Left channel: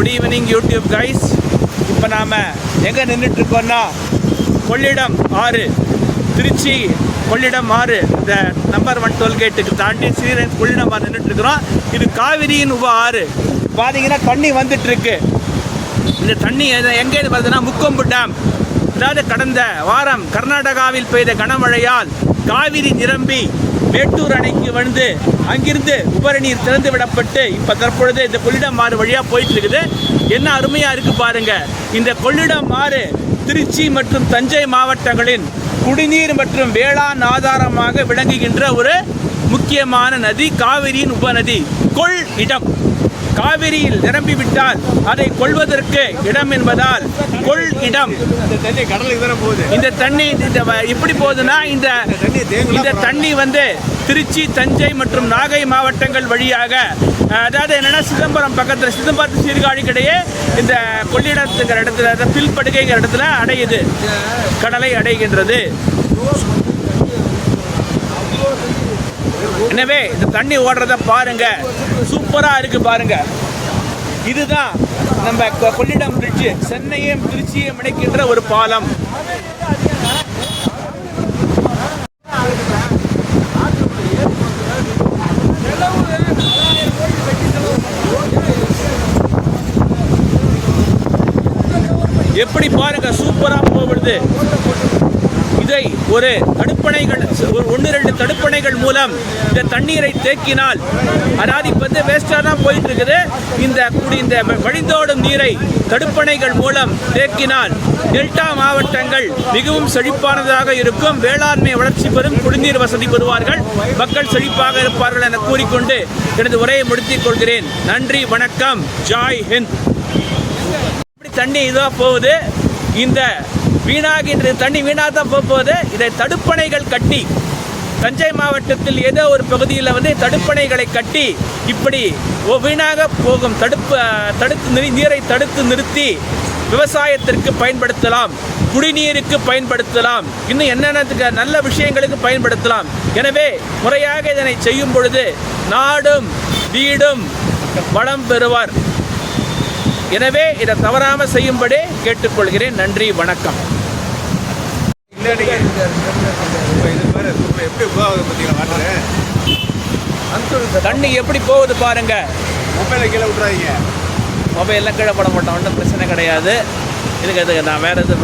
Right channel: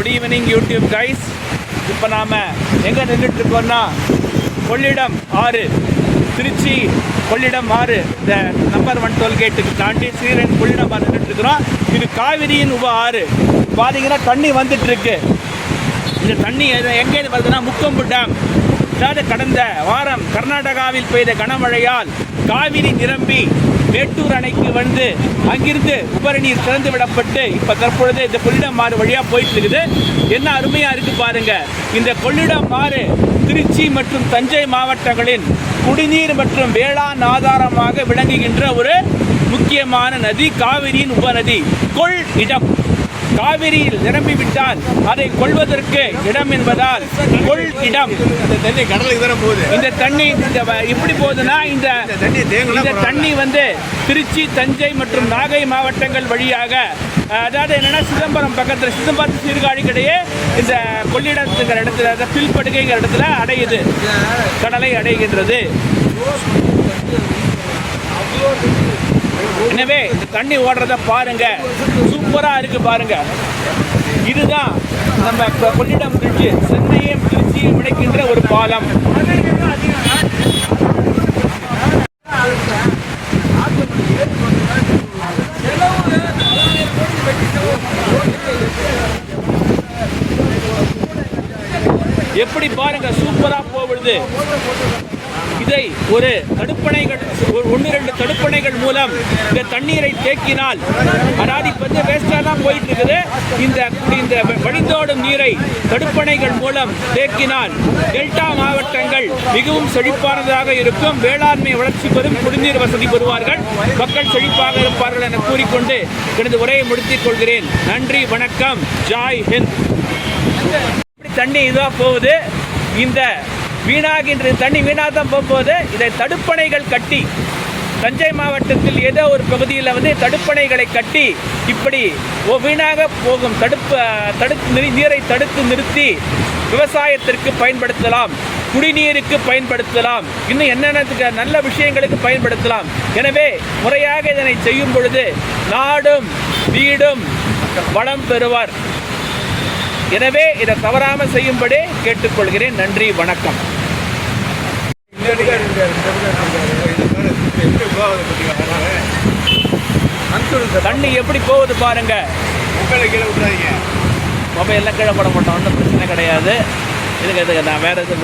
Good evening YouTube guys. இப்போ நாம் எங்கே நின்றுட்டுருக்கோன்னா கொள்ளிடம் ஆறு, திருச்சி கொள்ளிடம் ஆறு, இந்த நம்பர் 1 டோல்கேட்டுக்கு தாண்டி ஸ்ரீரங்கம் கொள்ளிடம் ஆறு நின்றுட்டுருக்குறோம். இது காவிரியின் உப ஆறு. பார்த்தீங்கன்னா தண்ணி வந்துட்டுருக்கு. இந்த தண்ணி எங்கேருந்து வருதுன்னா முக்கொம்பு டேம். அதாவது கடந்த வாரம் கர்நாடகாவில் பெய்த கனமழையால் காவிரி நிரம்பி மேட்டூர் அணைக்கு வந்து அங்கிருந்து உபரி நீர் திறந்து விடப்பட்டு இப்போ தற்பொழுது இந்த கொள்ளிடம் ஆறு வழியாக போயிட்டு இருக்குது. என்ன அருமையாக இருக்குது பாருங்க. இந்த கொள்ளிடம் ஆறு திருச்சி மற்றும் தஞ்சை மாவட்டங்களின் குடிநீர் மற்றும் வேளாண் ஆதாரமாக விளங்குகின்ற ஒரு முக்கியமான நதி, காவிரியின் உபநதி. கொள் இடம். காவிரியில் நிரம்பிவிட்டால் அதை கொள்வதற்கு இடம் என்பதால் கொள் இடம். இந்த தண்ணி எப்படி போகுதுன்னா இந்த தண்ணி வந்து திருச்சி, தஞ்சை மற்றும் நாகை மாவட்டங்கள் வழியாக, அதாவது என்னன்னா சிதம்பரம் பக்கத்தில், சிதம்பரத்து சீர்காழிக்கிடையே இந்த கொள்ளிடத்துங்கிற இடத்துல, பில்படுகைங்கிற இடத்துல அடையுது, கடலை அடைகின்றது. எனவே இந்த தண்ணி ஓடுறத பாருங்க, சூப்பரா இருக்கு பாருங்க. இதுதான் நம்ம கொள்ளிடம் பிரிட்ஜ், சென்னையும் திருச்சியும் இணைக்கின்ற ஒரு பாலம். எப்படி பாருங்க, சூப்பரா போகுது. இதை ஒரு தடுப்பணைகள், 1-2 தடுப்பணைகள் மூலம் இந்த தண்ணீரை தேக்கினால், அதாவது இப்போ வந்து வேஸ்டாக தான் போயிட்டு இருக்குது. இந்த வழிந்தோடும் நீரை தடுப்பணைகள் மூலம் தேக்கினால் டெல்டா மாவட்டங்கள் மிகவும் செழிப்பானதாக இருக்கும். வேளாண்மை வளர்ச்சி பெறும், குடிநீர் வசதி பெறுவார்கள், மக்கள் செழிப்பாக இருப்பார்கள் என கூறிக்கொண்டு எனது உரையை முடித்துக் கொள்கிறேன். நன்றி, வணக்கம், ஜாய் ஹிந்த். தண்ணி இதாக போகுது. இந்த வீணாகின்ற தண்ணி வீணாக தான் போகுது. இதை தடுப்பணைகள் கட்டி, தஞ்சை மாவட்டத்தில் ஏதோ ஒரு பகுதியில் வந்து தடுப்பணைகளை கட்டி இப்படி வீணாக போகும் நீரை தடுத்து நிறுத்தி விவசாயத்திற்கு பயன்படுத்தலாம், குடிநீருக்கு பயன்படுத்தலாம், இன்னும் என்னென்ன நல்ல விஷயங்களுக்கு பயன்படுத்தலாம். எனவே முறையாக இதனை செய்யும் பொழுது நாடும் வீடும் வளம் பெறுவார். எனவே இதை தவறாமல் செய்யும்படி கேட்டுக்கொள்கிறேன். நன்றி, வணக்கம். தண்ணி எப்படி போகுது பாருங்க. மொபைல் கீழே விட்டுறாதீங்க. மொபைல்லாம் கீழே போட மாட்டோம், ஒன்றும் பிரச்சனை கிடையாது. இதுக்கு நான் வேற எதுவும்